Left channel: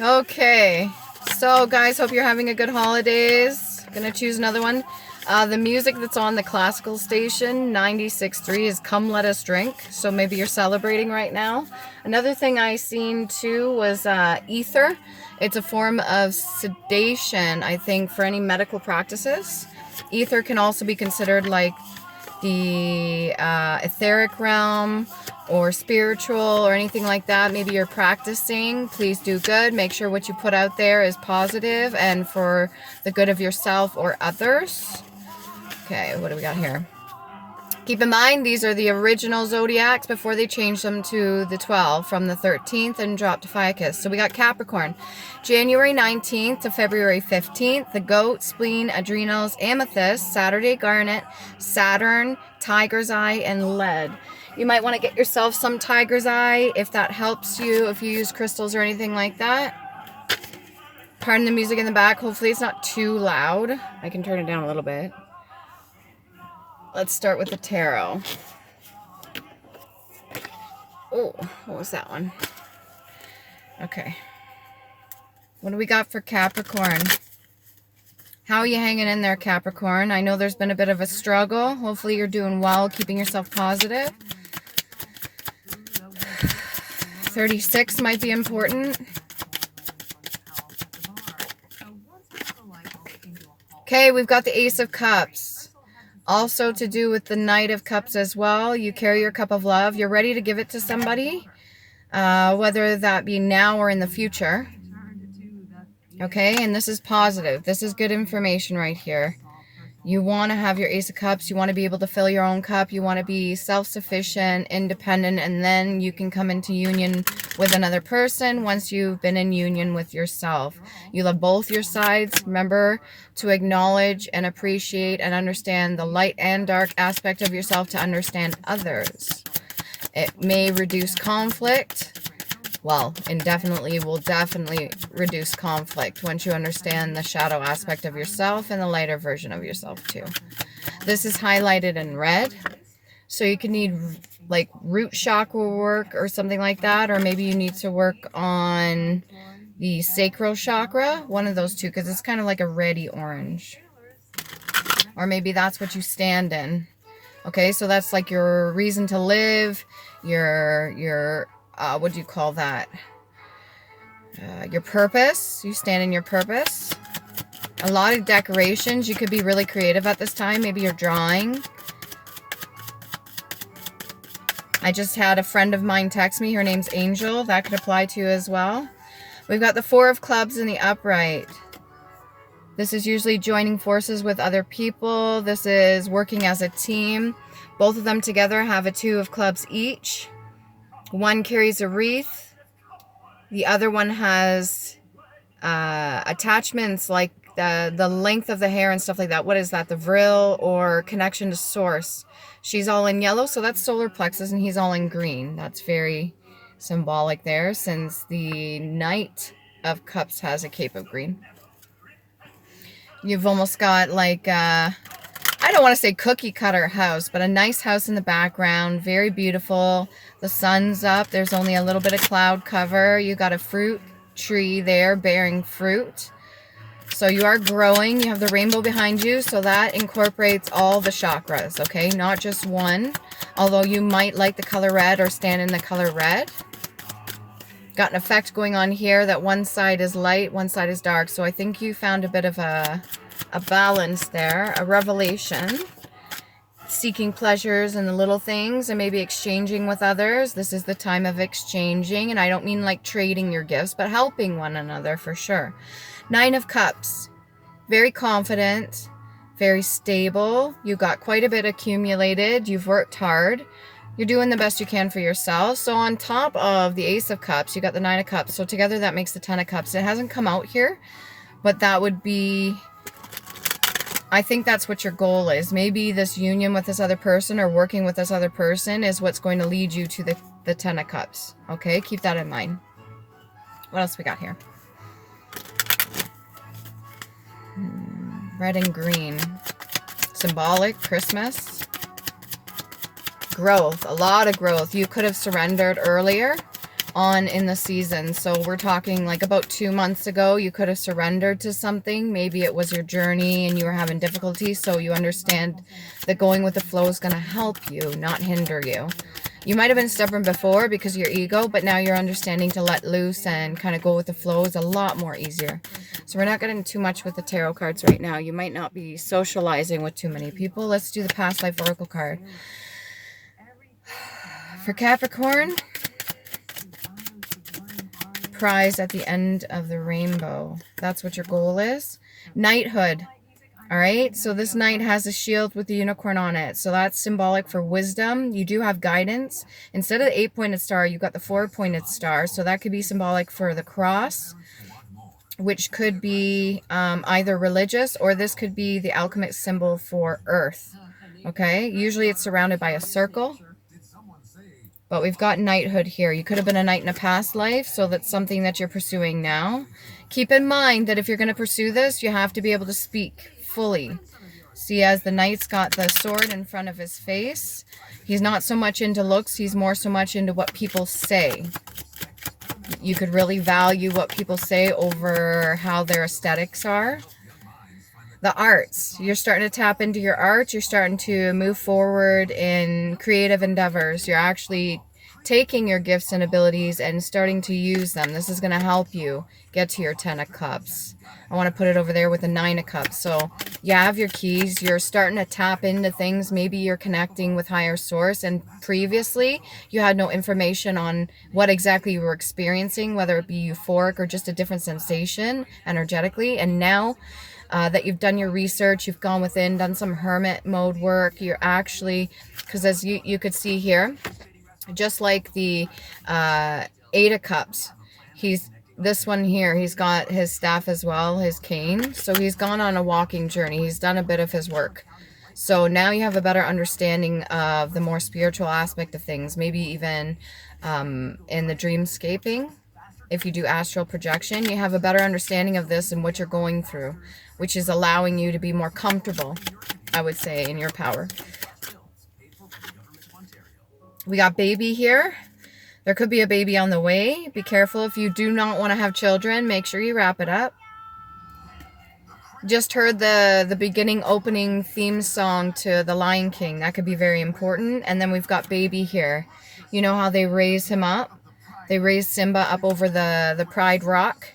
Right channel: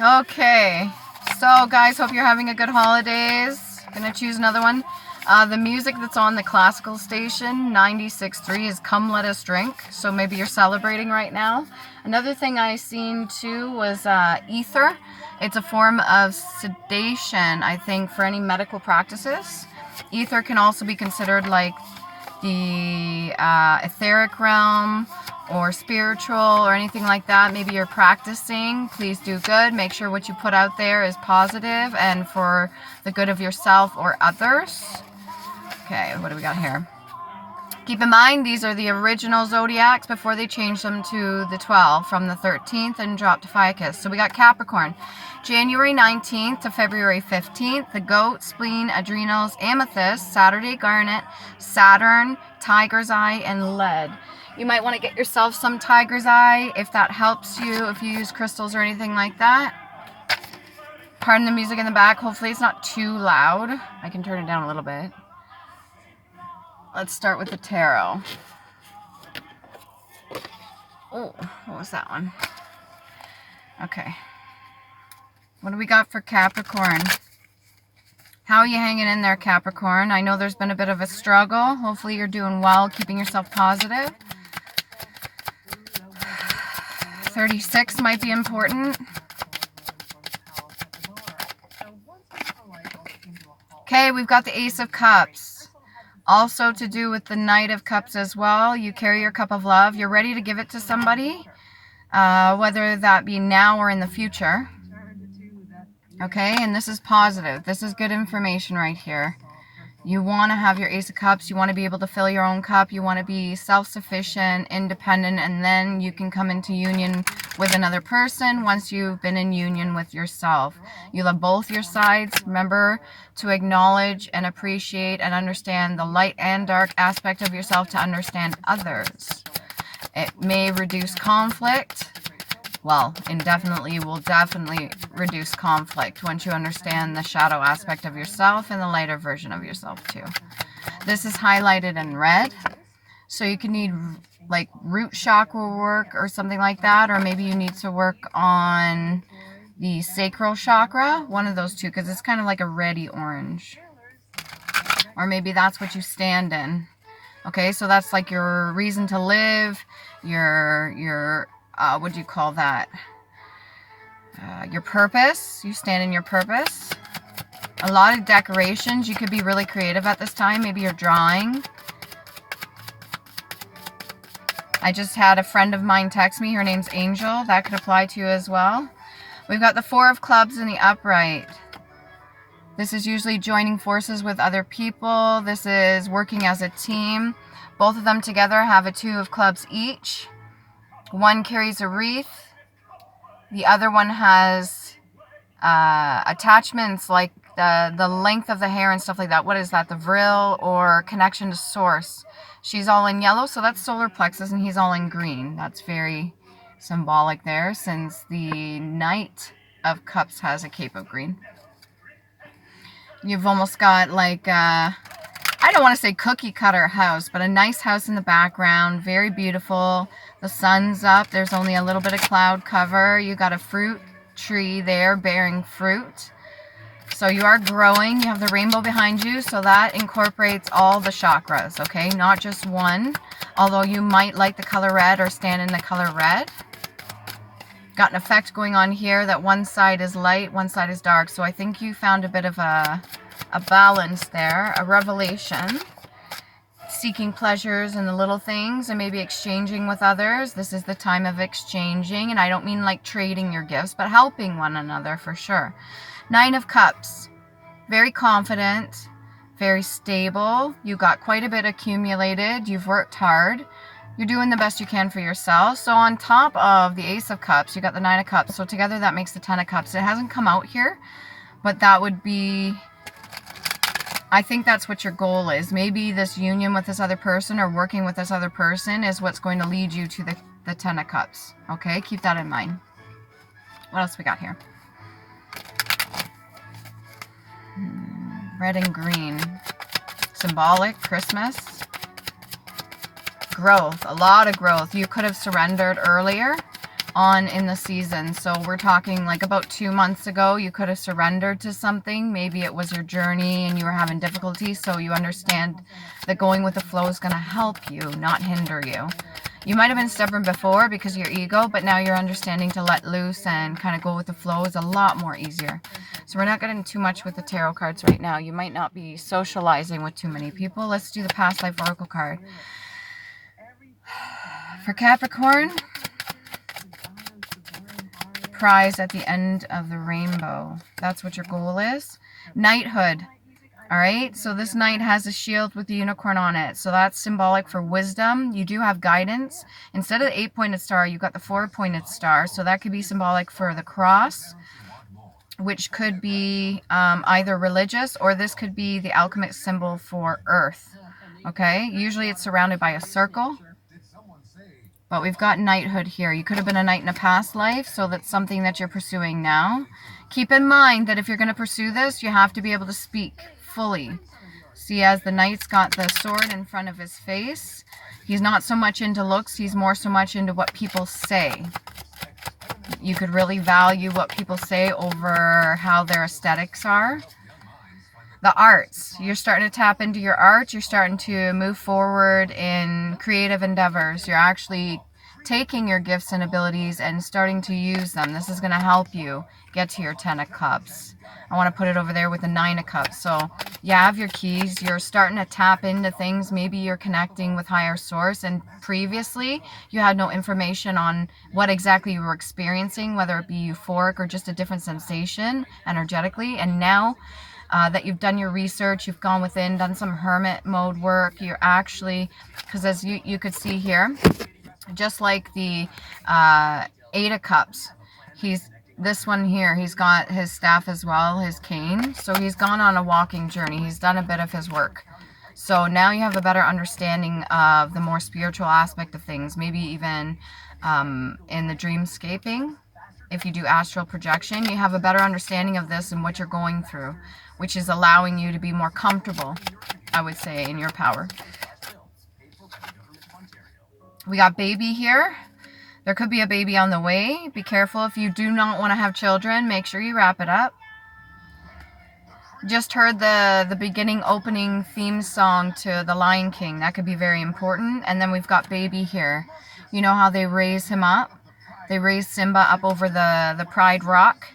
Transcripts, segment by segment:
Okay, so guys, hope you're having a good holidays. Gonna choose another one. The music that's on the classical station 96.3 is Come Let Us Drink, so maybe you're celebrating right now. Another thing I seen too was ether. It's a form of sedation, I think, for any medical practices. Ether can also be considered like the etheric realm or spiritual or anything like that. Maybe you're practicing. Please do good. Make sure what you put out there is positive and for the good of yourself or others. Okay, what do we got here? Keep in mind, these are the original zodiacs before they changed them to the 12 from the 13th and dropped to Ficus. So we got Capricorn, January 19th to February 15th, the goat, spleen, adrenals, amethyst, Saturday, garnet, Saturn, tiger's eye, and lead. You might want to get yourself some tiger's eye if that helps you, if you use crystals or anything like that. Pardon the music in the back. Hopefully it's not too loud. I can turn it down a little bit. Let's start with the tarot. Oh, what was that one? Okay. What do we got for Capricorn? How are you hanging in there, Capricorn? I know there's been a bit of a struggle. Hopefully you're doing well, keeping yourself positive. 36 might be important. Okay, we've got the Ace of Cups. Also to do with the Knight of Cups as well. You carry your cup of love. You're ready to give it to somebody, whether that be now or in the future. Okay, and this is positive. This is good information right here. You want to have your Ace of Cups. You want to be able to fill your own cup. You want to be self-sufficient, independent, and then you can come into union with another person once you've been in union with yourself. You love both your sides. Remember to acknowledge and appreciate and understand the light and dark aspect of yourself to understand others. It may reduce conflict. Well, indefinitely will definitely reduce conflict once you understand the shadow aspect of yourself and the lighter version of yourself too. This is highlighted in red, so you can need like root chakra work or something like that, or maybe you need to work on the sacral chakra, one of those two, because it's kind of like a reddy orange. Or maybe that's what you stand in. Okay, so that's like your reason to live, your what do you call that? Your purpose. You stand in your purpose. A lot of decorations. You could be really creative at this time. Maybe you're drawing. I just had a friend of mine text me. Her name's Angel. That could apply to you as well. We've got the Four of Clubs in the upright. This is usually joining forces with other people. This is working as a team. Both of them together have a Two of Clubs each. One carries a wreath. The other one has attachments like the length of the hair and stuff like that. What is that? The vril or connection to source. She's all in yellow, so that's solar plexus, and he's all in green. That's very symbolic there, since the Knight of Cups has a cape of green. You've almost got like I don't want to say cookie cutter house, but a nice house in the background. Very beautiful. The sun's up. There's only a little bit of cloud cover. You got a fruit tree there bearing fruit. So you are growing. You have the rainbow behind you. So that incorporates all the chakras, okay? Not just one. Although you might like the color red or stand in the color red. Got an effect going on here that one side is light, one side is dark. So I think you found a bit of a balance there, a revelation, seeking pleasures in the little things and maybe exchanging with others. This is the time of exchanging, and I don't mean like trading your gifts, but helping one another for sure. Nine of Cups, very confident, very stable. You got quite a bit accumulated. You've worked hard. You're doing the best you can for yourself. So on top of the Ace of Cups, you got the Nine of Cups. So together that makes the Ten of Cups. It hasn't come out here, but that would be, I think that's what your goal is. Maybe this union with this other person or working with this other person is what's going to lead you to the Ten of Cups. Okay, keep that in mind. What else we got here? Red and green. Symbolic, Christmas. Growth, a lot of growth. You could have surrendered earlier. on in the season. So we're talking like about 2 months ago, you could have surrendered to something. Maybe it was your journey and you were having difficulty. So you understand that going with the flow is going to help you, not hinder you. You might have been stubborn before because of your ego, but now you're understanding to let loose and kind of go with the flow is a lot more easier. So we're not getting too much with the tarot cards right now. You might not be socializing with too many people. Let's do the past life oracle card. For Capricorn, prize at the end of the rainbow. That's what your goal is. Knighthood. All right, so this knight has a shield with the unicorn on it. So that's symbolic for wisdom. You do have guidance. Instead of the 8-pointed star, you got the 4-pointed star. So that could be symbolic for the cross, which could be either religious, or this could be the alchemic symbol for earth. Okay, usually it's surrounded by a circle. But we've got knighthood here. You could have been a knight in a past life, so that's something that you're pursuing now. Keep in mind that if you're going to pursue this, you have to be able to speak fully. See, as the knight's got the sword in front of his face, he's not so much into looks, he's more so much into what people say. You could really value what people say over how their aesthetics are. The arts, you're starting to tap into your art. You're starting to move forward in creative endeavors. You're actually taking your gifts and abilities and starting to use them. This is going to help you get to your 10 of Cups. I want to put it over there with the 9 of Cups. So you have your keys. You're starting to tap into things. Maybe you're connecting with higher source, and previously you had no information on what exactly you were experiencing, whether it be euphoric or just a different sensation energetically. And now that you've done your research, you've gone within, done some hermit mode work, you're actually, because as you could see here, just like the 8 of Cups, this one here, he's got his staff as well, his cane. So he's gone on a walking journey. He's done a bit of his work. So now you have a better understanding of the more spiritual aspect of things, maybe even in the dreamscaping. If you do astral projection, you have a better understanding of this and what you're going through, which is allowing you to be more comfortable, I would say, in your power. We got baby here. There could be a baby on the way. Be careful if you do not want to have children. Make sure you wrap it up. Just heard the beginning opening theme song to The Lion King. That could be very important. And then we've got baby here. You know how they raise him up? They raise Simba up over the Pride Rock.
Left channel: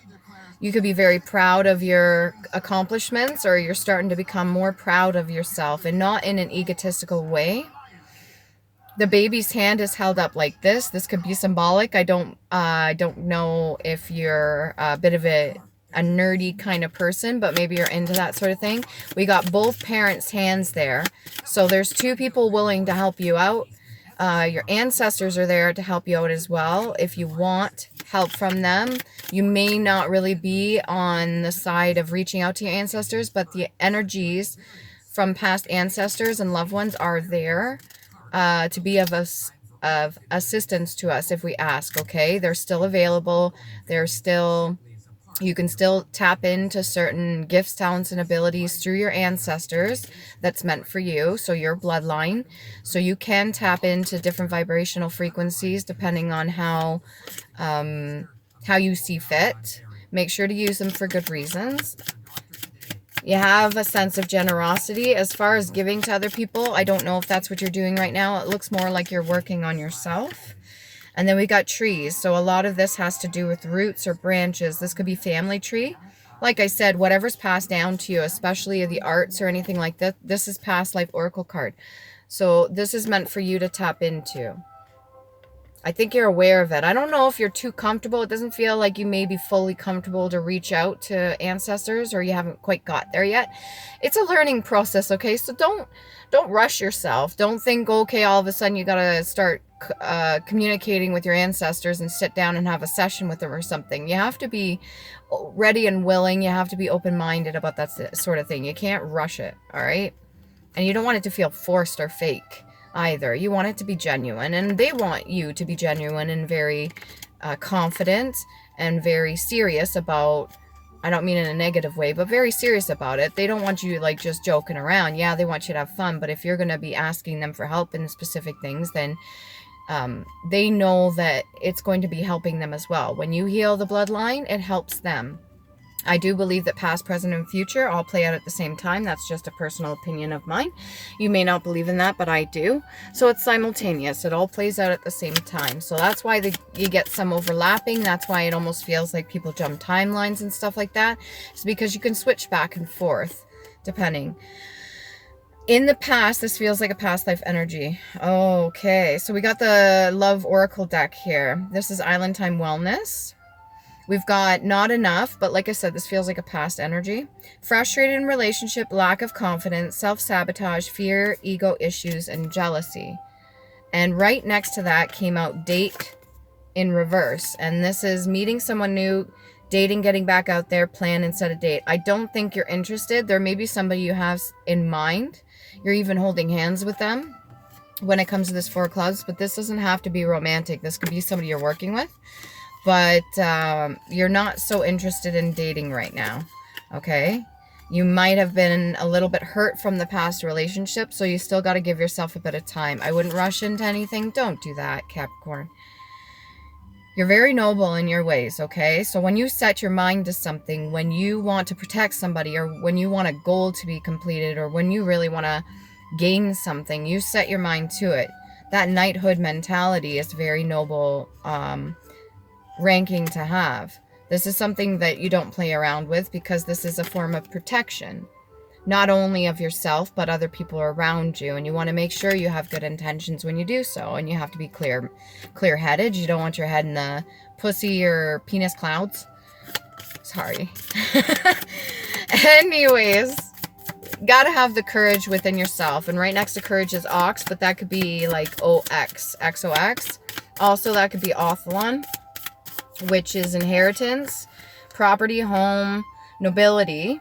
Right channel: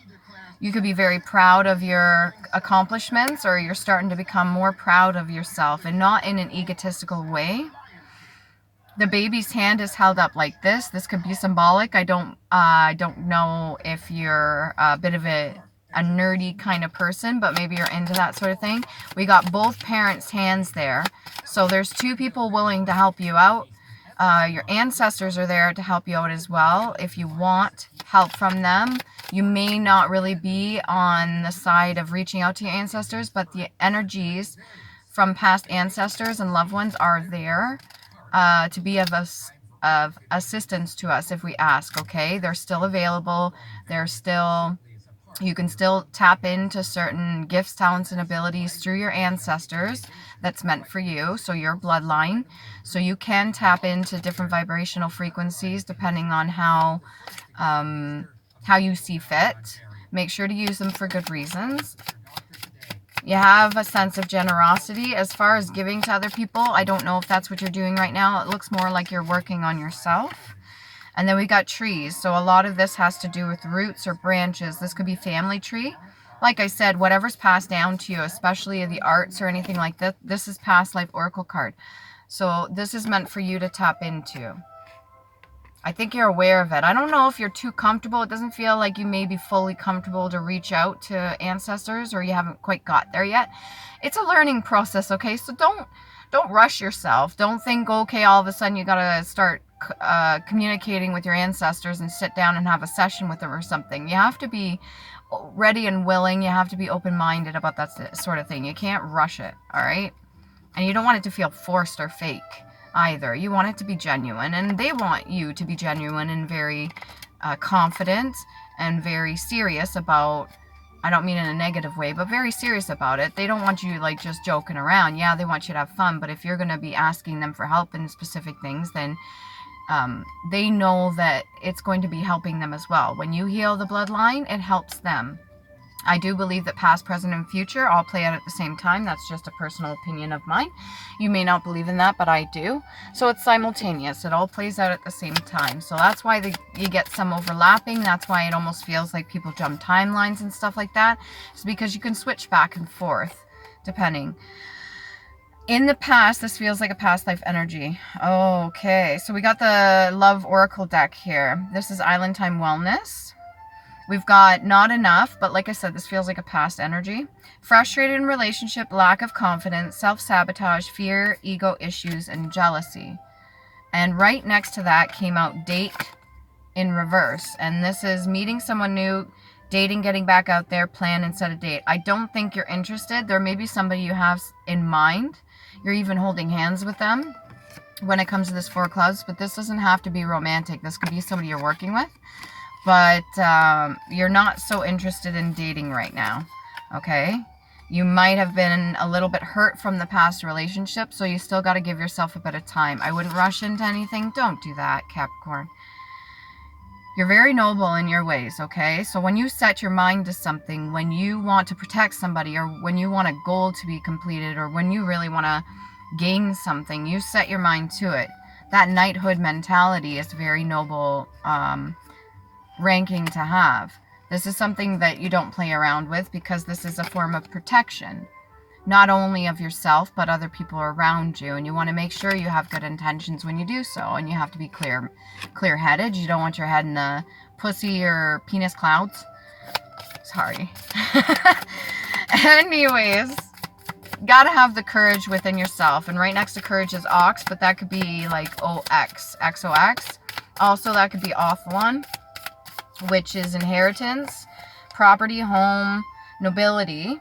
You could be very proud of your accomplishments, or you're starting to become more proud of yourself, and not in an egotistical way. The baby's hand is held up like this. This could be symbolic. I don't know if you're a bit of a nerdy kind of person, but maybe you're into that sort of thing. We got both parents' hands there. So there's 2 people willing to help you out. Your ancestors are there to help you out as well. If you want help from them, you may not really be on the side of reaching out to your ancestors, but the energies from past ancestors and loved ones are there to be of assistance to us if we ask. Okay, they're still available. You can still tap into certain gifts, talents, and abilities through your ancestors that's meant for you, so your bloodline. So you can tap into different vibrational frequencies depending on how you see fit. Make sure to use them for good reasons. You have a sense of generosity. As far as giving to other people, I don't know if that's what you're doing right now. It looks more like you're working on yourself. And then we got trees. So a lot of this has to do with roots or branches. This could be family tree. Like I said, whatever's passed down to you, especially the arts or anything like that, this is past life oracle card. So this is meant for you to tap into. I think you're aware of it. I don't know if you're too comfortable. It doesn't feel like you may be fully comfortable to reach out to ancestors, or you haven't quite got there yet. It's a learning process, okay? So don't rush yourself. Don't think, okay, all of a sudden you got to start communicating with your ancestors and sit down and have a session with them or something. You have to be ready and willing. You have to be open-minded about that sort of thing. You can't rush it, all right? And you don't want it to feel forced or fake either. You want it to be genuine, and they want you to be genuine and very confident and very serious about, I don't mean in a negative way, but very serious about it. They don't want you like just joking around. Yeah, they want you to have fun, but if you're going to be asking them for help in specific things, then they know that it's going to be helping them as well. When you heal the bloodline, it helps them. I do believe that past, present, and future all play out at the same time. That's just a personal opinion of mine. You may not believe in that, but I do. So it's simultaneous. It all plays out at the same time. So that's why you get some overlapping. That's why it almost feels like people jump timelines and stuff like that. It's because you can switch back and forth, depending. In the past, this feels like a past life energy. Okay, so we got the Love Oracle deck here. This is Island Time Wellness. We've got not enough, but like I said, this feels like a past energy. Frustrated in relationship, lack of confidence, self-sabotage, fear, ego issues, and jealousy. And right next to that came out date in reverse. And this is meeting someone new, dating, getting back out there, plan and set a date. I don't think you're interested. There may be somebody you have in mind. You're even holding hands with them when it comes to this Four of Clubs, but this doesn't have to be romantic. This could be somebody you're working with. But you're not so interested in dating right now, okay? You might have been a little bit hurt from the past relationship, so you still got to give yourself a bit of time. I wouldn't rush into anything. Don't do that, Capricorn. You're very noble in your ways, okay? So when you set your mind to something, when you want to protect somebody, or when you want a goal to be completed, or when you really want to gain something, you set your mind to it. That knighthood mentality is very noble ranking to have. This is something that you don't play around with, because this is a form of protection, not only of yourself but other people around you, and you want to make sure you have good intentions when you do so, and you have to be clear-headed. You don't want your head in the pussy or penis clouds. Sorry. Anyways, gotta have the courage within yourself, and right next to courage is ox, but that could be like OX, XOX. Also, that could be Othlon, which is inheritance, property, home, nobility,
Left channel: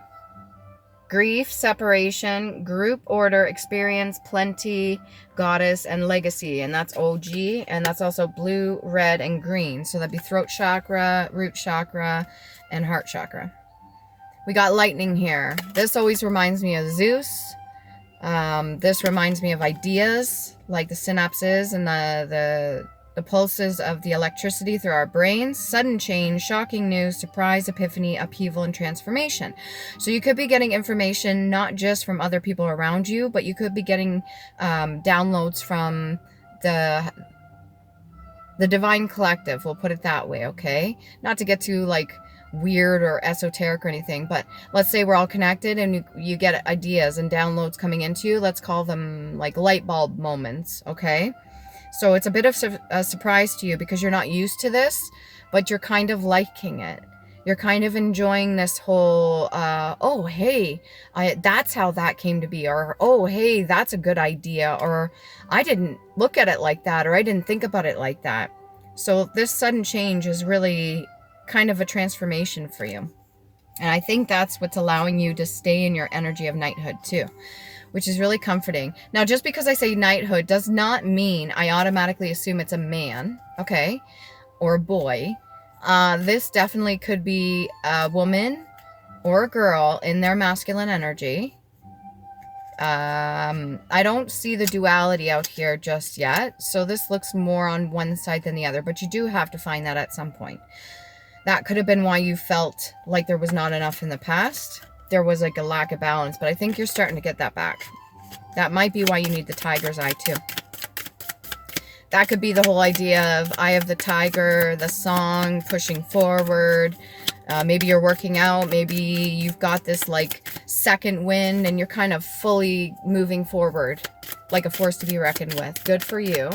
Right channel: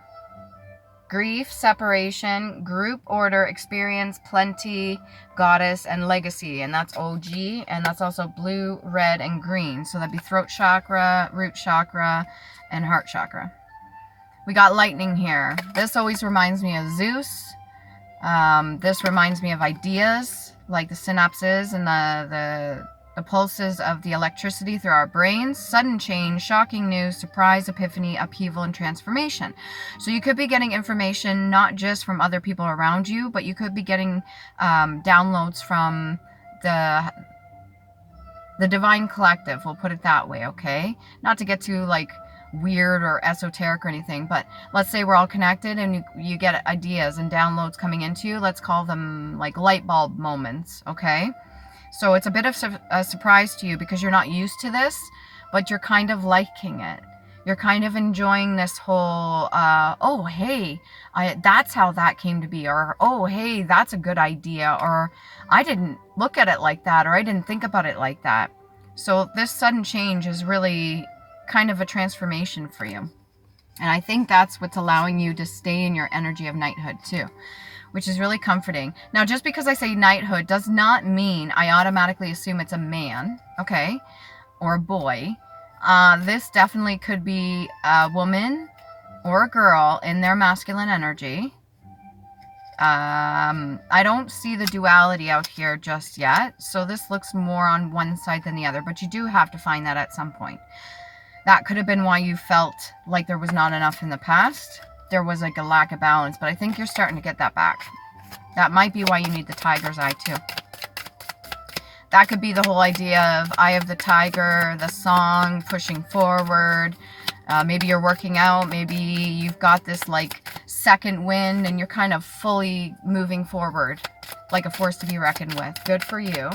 grief, separation, group order, experience, plenty, goddess, and legacy. And that's OG, and that's also blue, red, and green. So that'd be throat chakra, root chakra, and heart chakra. We got lightning here. This always reminds me of Zeus. This reminds me of ideas, like the synapses and the pulses of the electricity through our brains. Sudden change, shocking news, surprise, epiphany, upheaval, and transformation. So you could be getting information not just from other people around you, but you could be getting downloads from the divine collective. We'll put it that way, okay? Not to get too like weird or esoteric or anything, but let's say we're all connected and you get ideas and downloads coming into you. Let's call them like light bulb moments, okay? So it's a bit of a surprise to you because you're not used to this, but you're kind of liking it. You're kind of enjoying this whole, oh, hey, that's how that came to be. Or, oh, hey, that's a good idea. Or, I didn't look at it like that. Or, I didn't think about it like that. So this sudden change is really kind of a transformation for you. And I think that's what's allowing you to stay in your energy of knighthood too, which is really comforting. Now, just because I say knighthood does not mean I automatically assume it's a man, okay, or a boy. This definitely could be a woman or a girl in their masculine energy. I don't see the duality out here just yet, so this looks more on one side than the other, but you do have to find that at some point. That could have been why you felt like there was not enough in the past. There was like a lack of balance, but I think you're starting to get that back. That might be why you need the tiger's eye too. That could be the whole idea of Eye of the Tiger, the song, pushing forward. Maybe you're working out. Maybe you've got this like second wind and you're kind of fully moving forward like a force to be reckoned with. Good for you.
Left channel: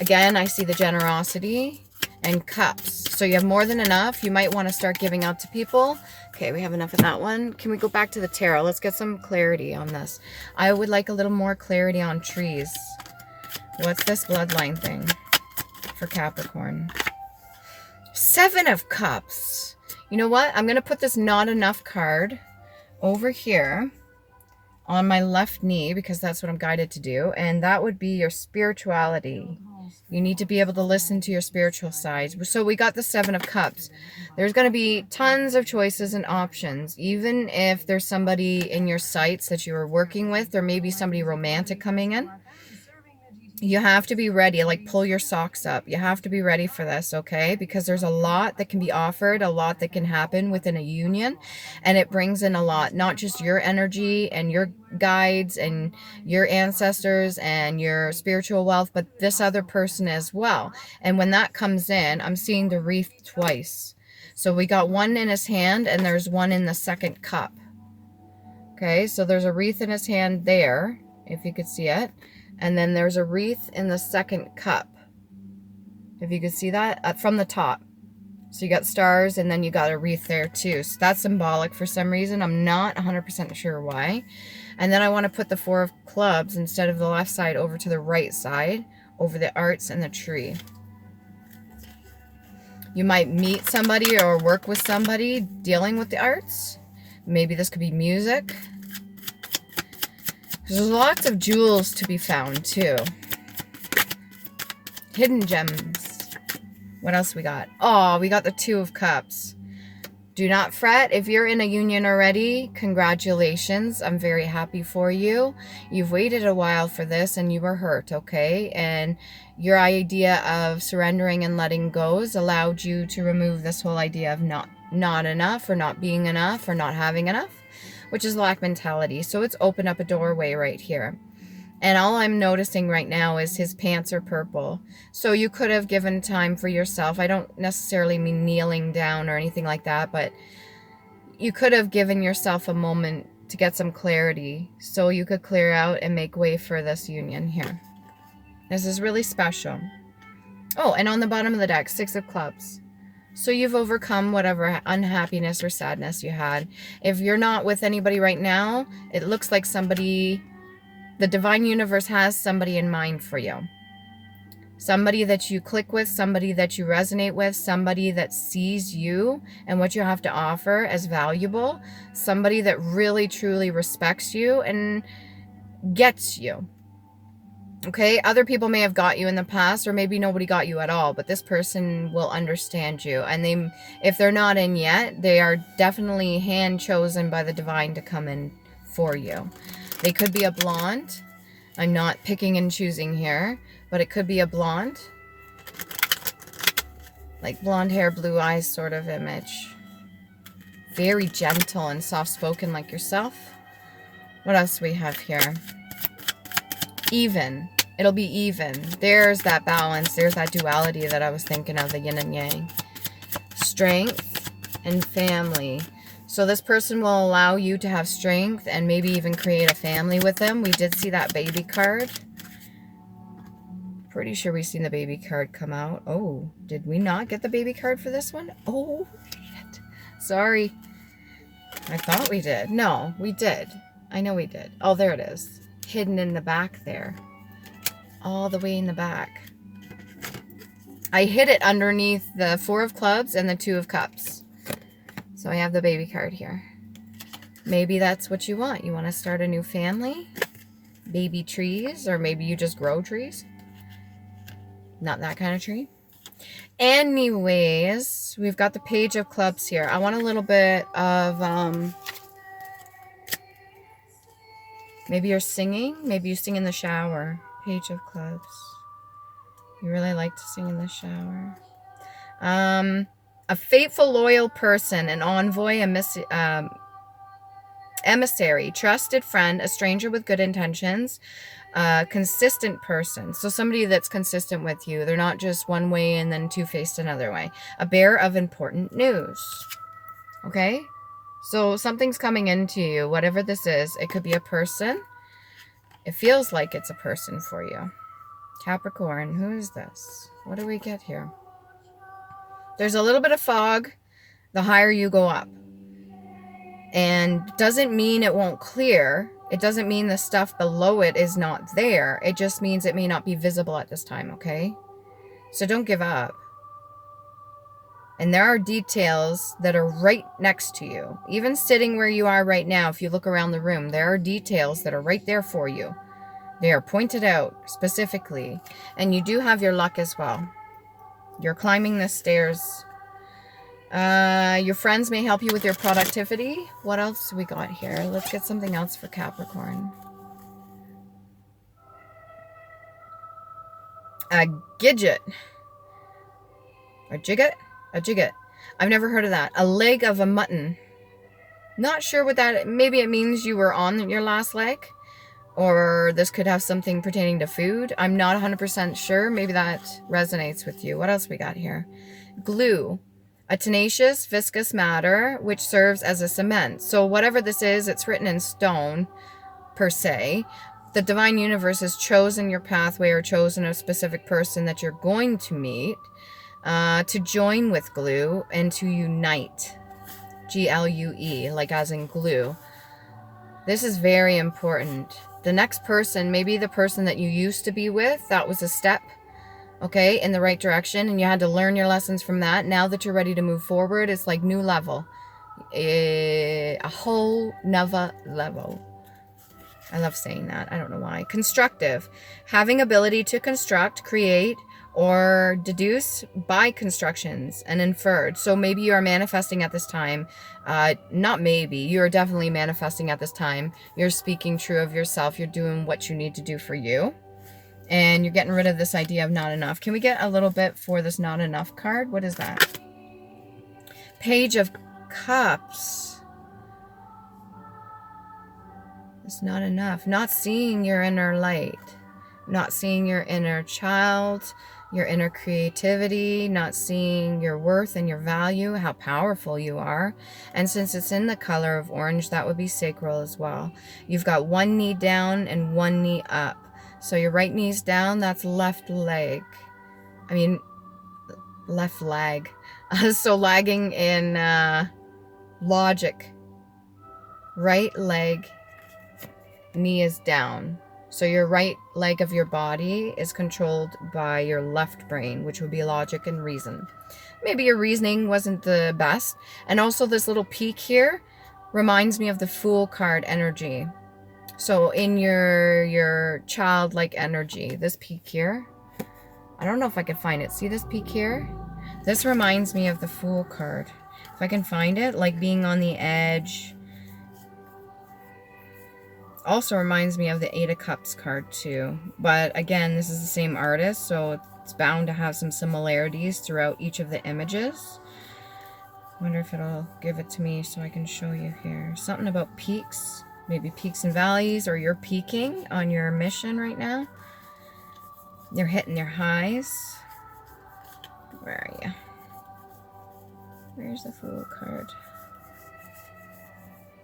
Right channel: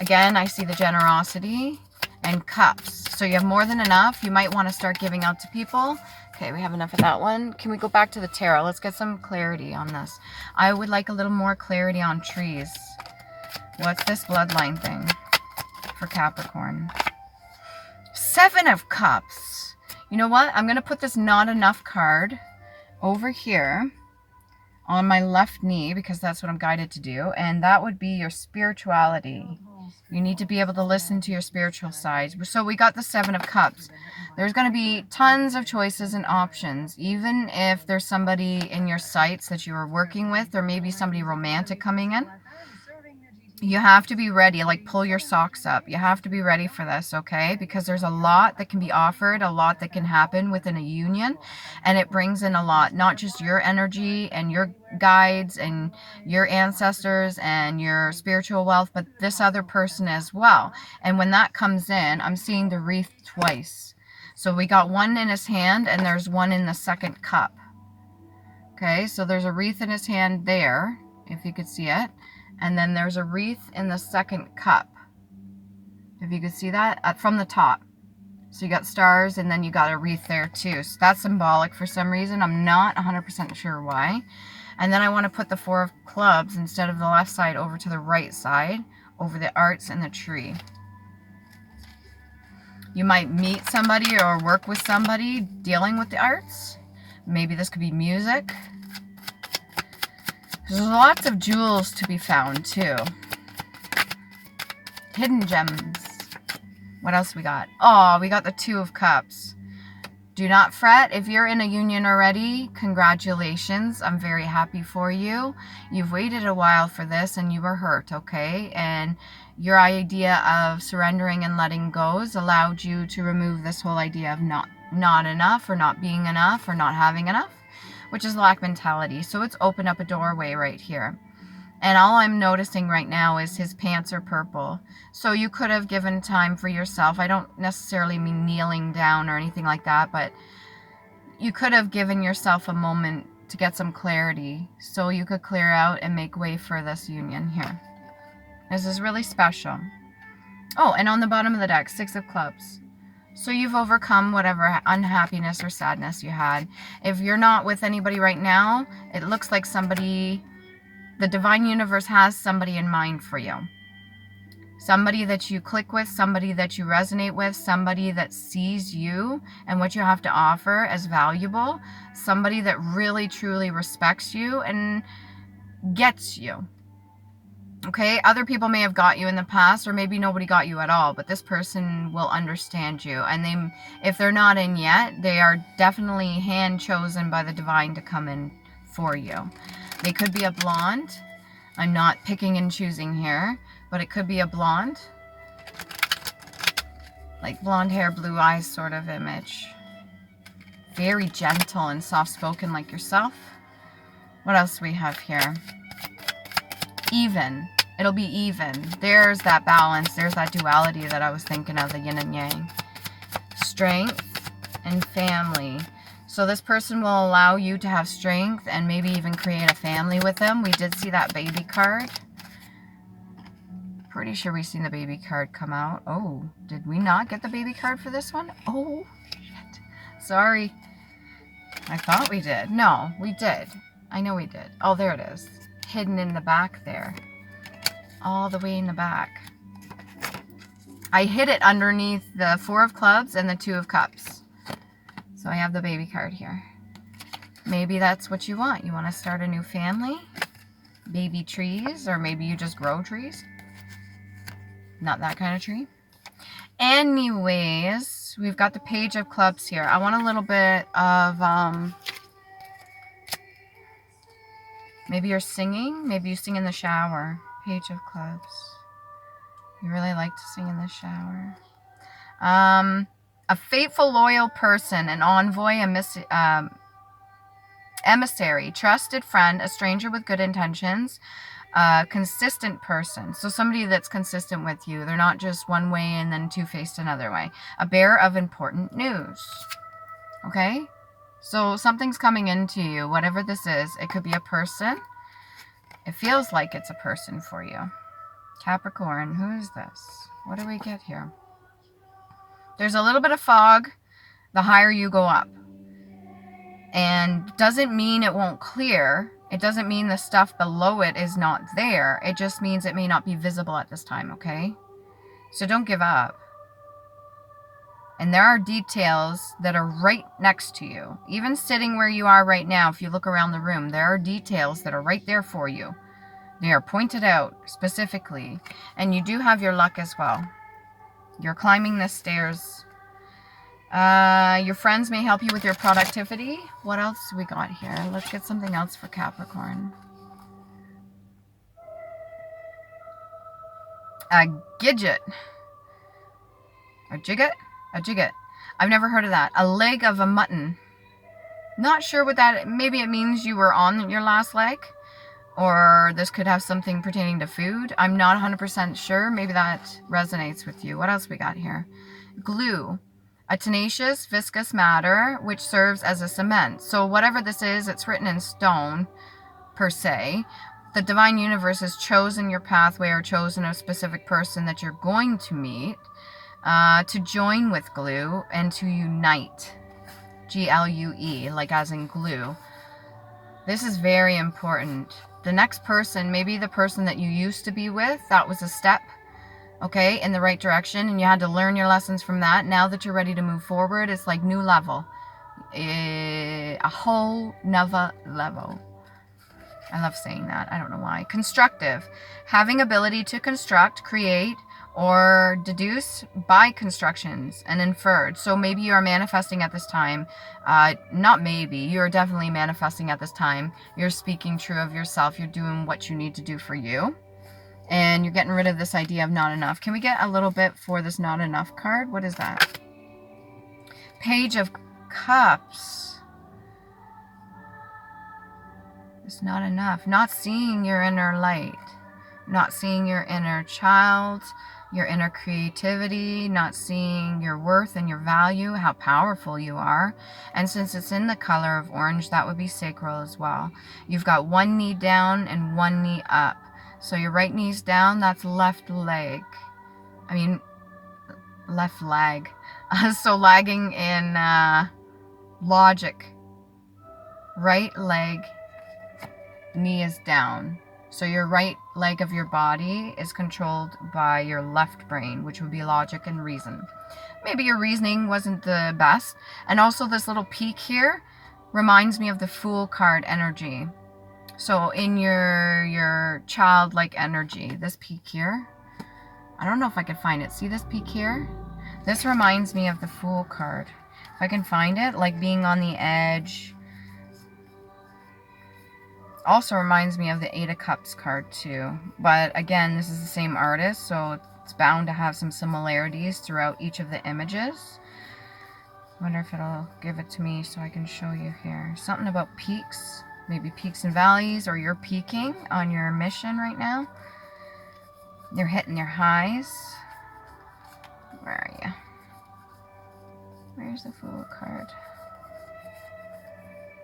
Again, I see the generosity and cups. So you have more than enough. You might want to start giving out to people. Okay, we have enough of that one. Can we go back to the tarot? Let's get some clarity on this. I would like a little more clarity on trees. What's this bloodline thing for Capricorn? Seven of Cups. You know what? I'm going to put this not enough card over here on my left knee because that's what I'm guided to do. And that would be your spirituality. You need to be able to listen to your spiritual side. So we got the Seven of Cups. There's going to be tons of choices and options. Even if there's somebody in your sights that you are working with, there may be somebody romantic coming in. You have to be ready, like pull your socks up. You have to be ready for this, okay? Because there's a lot that can be offered, a lot that can happen within a union, and it brings in a lot, not just your energy and your guides and your ancestors and your spiritual wealth, but this other person as well. And when that comes in, I'm seeing the wreath twice. So we got one in his hand and there's one in the second cup. Okay, so there's a wreath in his hand there, if you could see it. And then there's a wreath in the second cup. If you could see that from the top. So you got stars and then you got a wreath there too. So that's symbolic for some reason. I'm not 100% sure why. And then I want to put the 4 of clubs instead of the left side over to the right side, over the arts and the tree. You might meet somebody or work with somebody dealing with the arts. Maybe this could be music. There's lots of jewels to be found too. Hidden gems. What else we got? Oh, we got the 2 of Cups. Do not fret. If you're in a union already, congratulations. I'm very happy for you. You've waited a while for this and you were hurt, okay? And your idea of surrendering and letting go has allowed you to remove this whole idea of not enough or not being enough or not having enough, which is lack mentality. So it's opened up a doorway right here. And all I'm noticing right now is his pants are purple. So you could have given time for yourself. I don't necessarily mean kneeling down or anything like that, but you could have given yourself a moment to get some clarity so you could clear out and make way for this union here. This is really special. Oh, and on the bottom of the deck, 6 of Clubs. So you've overcome whatever unhappiness or sadness you had. If you're not with anybody right now, it looks like somebody, the divine universe has somebody in mind for you. Somebody that you click with, somebody that you resonate with, somebody that sees you and what you have to offer as valuable, somebody that really truly respects you and gets you. Okay, other people may have got you in the past, or maybe nobody got you at all, but this person will understand you. And if they're not in yet, they are definitely hand chosen by the divine to come in for you. They could be a blonde. I'm not picking and choosing here, but it could be a blonde. Like blonde hair, blue eyes sort of image. Very gentle and soft-spoken like yourself. What else do we have here? Even. It'll be even. There's that balance. There's that duality that I was thinking of, the yin and yang. Strength and family. So this person will allow you to have strength and maybe even create a family with them. We did see that baby card. Pretty sure we've seen the baby card come out. Oh, did we not get the baby card for this one? Oh, shit. Sorry. I thought we did. No, we did. I know we did. Oh, there it is. Hidden in the back there. All the way in the back. I hid it underneath the 4 of Clubs and the 2 of Cups. So I have the baby card here. Maybe that's what you want. You want to start a new family? Baby trees? Or maybe you just grow trees? Not that kind of tree. Anyways, we've got the Page of Clubs here. I want a little bit of... maybe you're singing. Maybe you sing in the shower. Page of Clubs. You really like to sing in the shower. A faithful, loyal person, an envoy, emissary, trusted friend, a stranger with good intentions, a consistent person. So somebody that's consistent with you. They're not just one way and then two-faced another way. A bearer of important news. Okay? So something's coming into you, whatever this is. It could be a person. It feels like it's a person for you. Capricorn, who is this? What do we get here? There's a little bit of fog the higher you go up. And doesn't mean it won't clear. It doesn't mean the stuff below it is not there. It just means it may not be visible at this time, okay? So don't give up. And there are details that are right next to you. Even sitting where you are right now, if you look around the room, there are details that are right there for you. They are pointed out specifically. And you do have your luck as well. You're climbing the stairs. Your friends may help you with your productivity. What else do we got here? Let's get something else for Capricorn. A gidget. A jigget? A jigget. I've never heard of that. A leg of a mutton. Not sure what that... Maybe it means you were on your last leg. Or this could have something pertaining to food. I'm not 100% sure. Maybe that resonates with you. What else we got here? Glue. A tenacious, viscous matter which serves as a cement. So whatever this is, it's written in stone, per se. The divine universe has chosen your pathway or chosen a specific person that you're going to meet to join with glue and to unite. G-L-U-E, like as in glue. This is very important. The next person, maybe the person that you used to be with, that was a step, okay, in the right direction, and you had to learn your lessons from that. Now that you're ready to move forward, it's like new level. A whole nother level. I love saying that. I don't know why. Constructive. Having ability to construct, create, or deduce by constructions and inferred. So maybe you are manifesting at this time. Not maybe. You're definitely manifesting at this time. You're speaking true of yourself. You're doing what you need to do for you. And you're getting rid of this idea of not enough. Can we get a little bit for this not enough card? What is that? Page of Cups. It's not enough. Not seeing your inner light. Not seeing your inner child, your inner creativity, not seeing your worth and your value, how powerful you are. And since it's in the color of orange, that would be sacral as well. You've got one knee down and one knee up. So your right knee's down, that's left leg. I mean, left leg. So lagging in logic. Right leg, knee is down. So your right leg of your body is controlled by your left brain, which would be logic and reason. Maybe your reasoning wasn't the best. And also this little peak here reminds me of the Fool card energy. So in your childlike energy, this peak here, I don't know if I can find it. See this peak here? This reminds me of the Fool card. If I can find it, like being on the edge. Also reminds me of the Eight of Cups card too. But again, this is the same artist, so it's bound to have some similarities throughout each of the images. Wonder if it'll give it to me so I can show you here. Something about peaks, maybe peaks and valleys, or you're peaking on your mission right now. You're hitting your highs. Where are you? Where's the Fool card?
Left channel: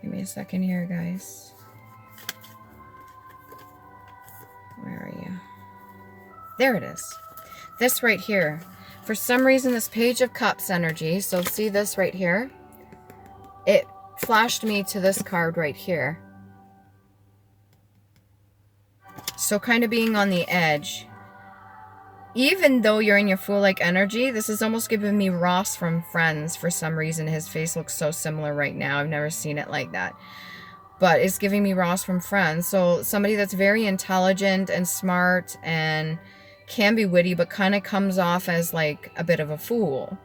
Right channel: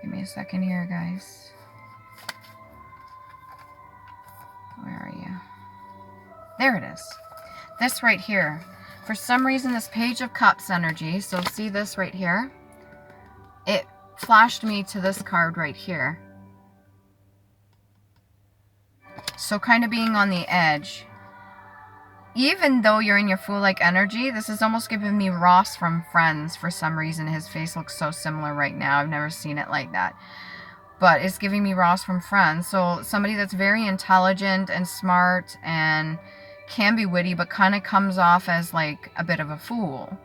Give me a second here, guys. Where are you? There it is. This right here. For some reason, this Page of Cups energy, so see this right here? It flashed me to this card right here. So kind of being on the edge. Even though you're in your Fool-like energy, this is almost giving me Ross from Friends for some reason. His face looks so similar right now. I've never seen it like that. But it's giving me Ross from Friends. So somebody that's very intelligent and smart and can be witty, but kind of comes off as like a bit of a fool.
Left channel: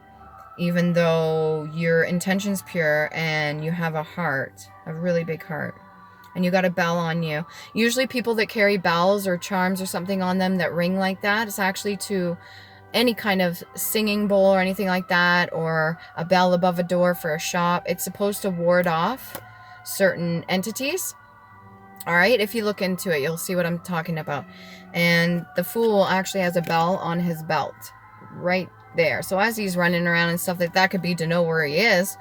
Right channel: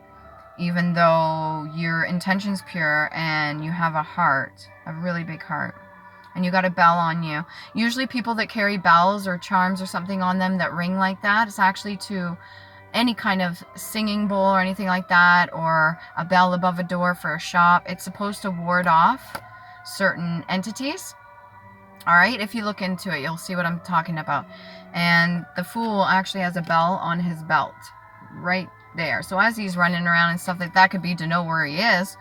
Even though your intention's pure and you have a heart, a really big heart. And you got a bell on you. Usually people that carry bells or charms or something on them that ring like that, it's actually to any kind of singing bowl or anything like that, or a bell above a door for a shop. It's supposed to ward off certain entities. All right, if you look into it, you'll see what I'm talking about. And the Fool actually has a bell on his belt right there. So as he's running around and stuff like that, could be to know where he is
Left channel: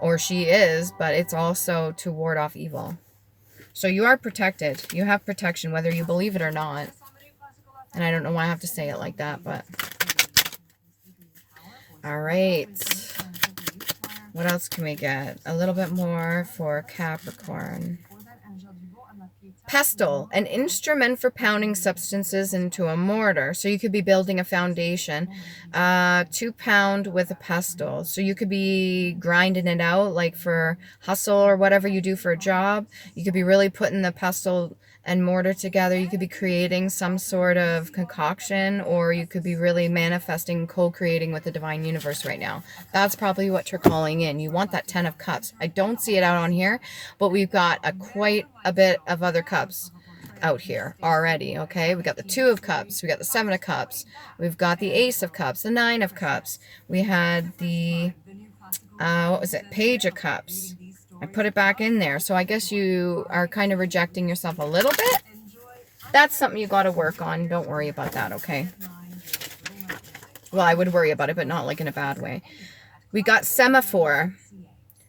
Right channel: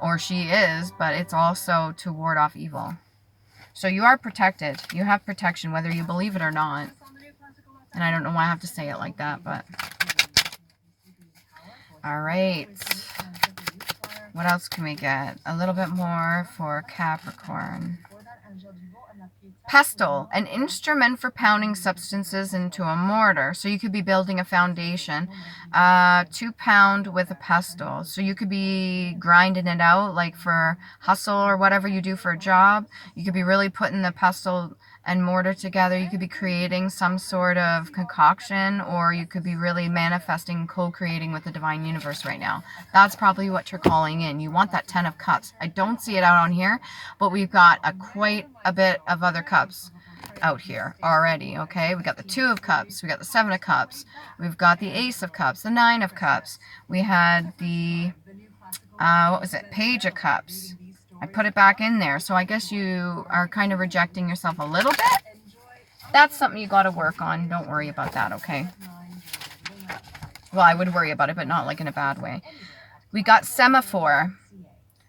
or she is, but it's also to ward off evil. So you are protected. You have protection, whether you believe it or not. And I don't know why I have to say it like that, but all right. What else can we get? A little bit more for Capricorn. Pestle, an instrument for pounding substances into a mortar. So you could be building a foundation to pound with a pestle. So you could be grinding it out like for hustle or whatever you do for a job. You could be really putting the pestle and mortar together. You could be creating some sort of concoction, or you could be really manifesting, co-creating with the divine universe right now. That's probably what you're calling in. You want that 10 of Cups. I don't see it out on here, but we've got quite a bit of other cups. out here already, okay? We got the Two of Cups, we got the Seven of Cups, we've got the Ace of Cups, the Nine of Cups, we had the, what was it, Page of Cups. I put it back in there, so I guess you are kind of rejecting yourself a little bit. That's something you got to work on. Don't worry about that, okay? Well, I would worry about it, but not like in a bad way. We got Semaphore.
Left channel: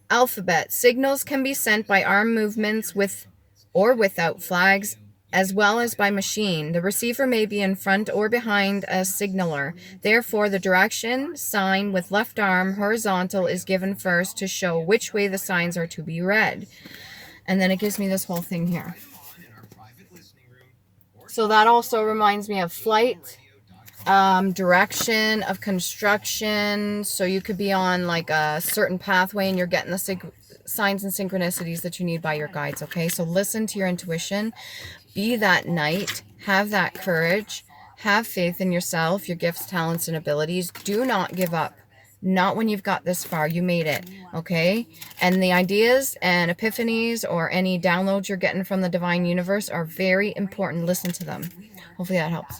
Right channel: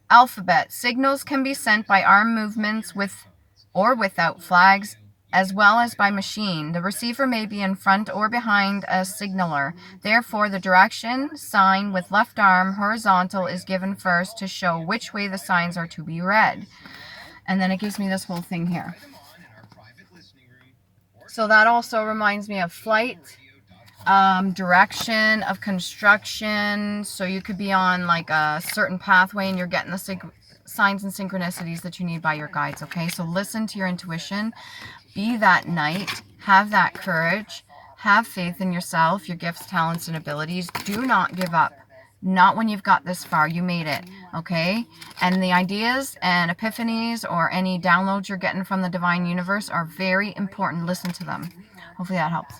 Alphabet. Signals can be sent by arm movements with or without flags, as well as by machine. The receiver may be in front or behind a signaler. Therefore, the direction sign with left arm horizontal is given first to show which way the signs are to be read. And then it gives me this whole thing here. So that also reminds me of flight, direction of construction. So you could be on like a certain pathway and you're getting the signs and synchronicities that you need by your guides, okay? So listen to your intuition. Be that knight. Have that courage. Have faith in yourself, your gifts, talents, and abilities. Do not give up. Not when you've got this far. You made it, okay? And the ideas and epiphanies or any downloads you're getting from the divine universe are very important. Listen to them. Hopefully that helps.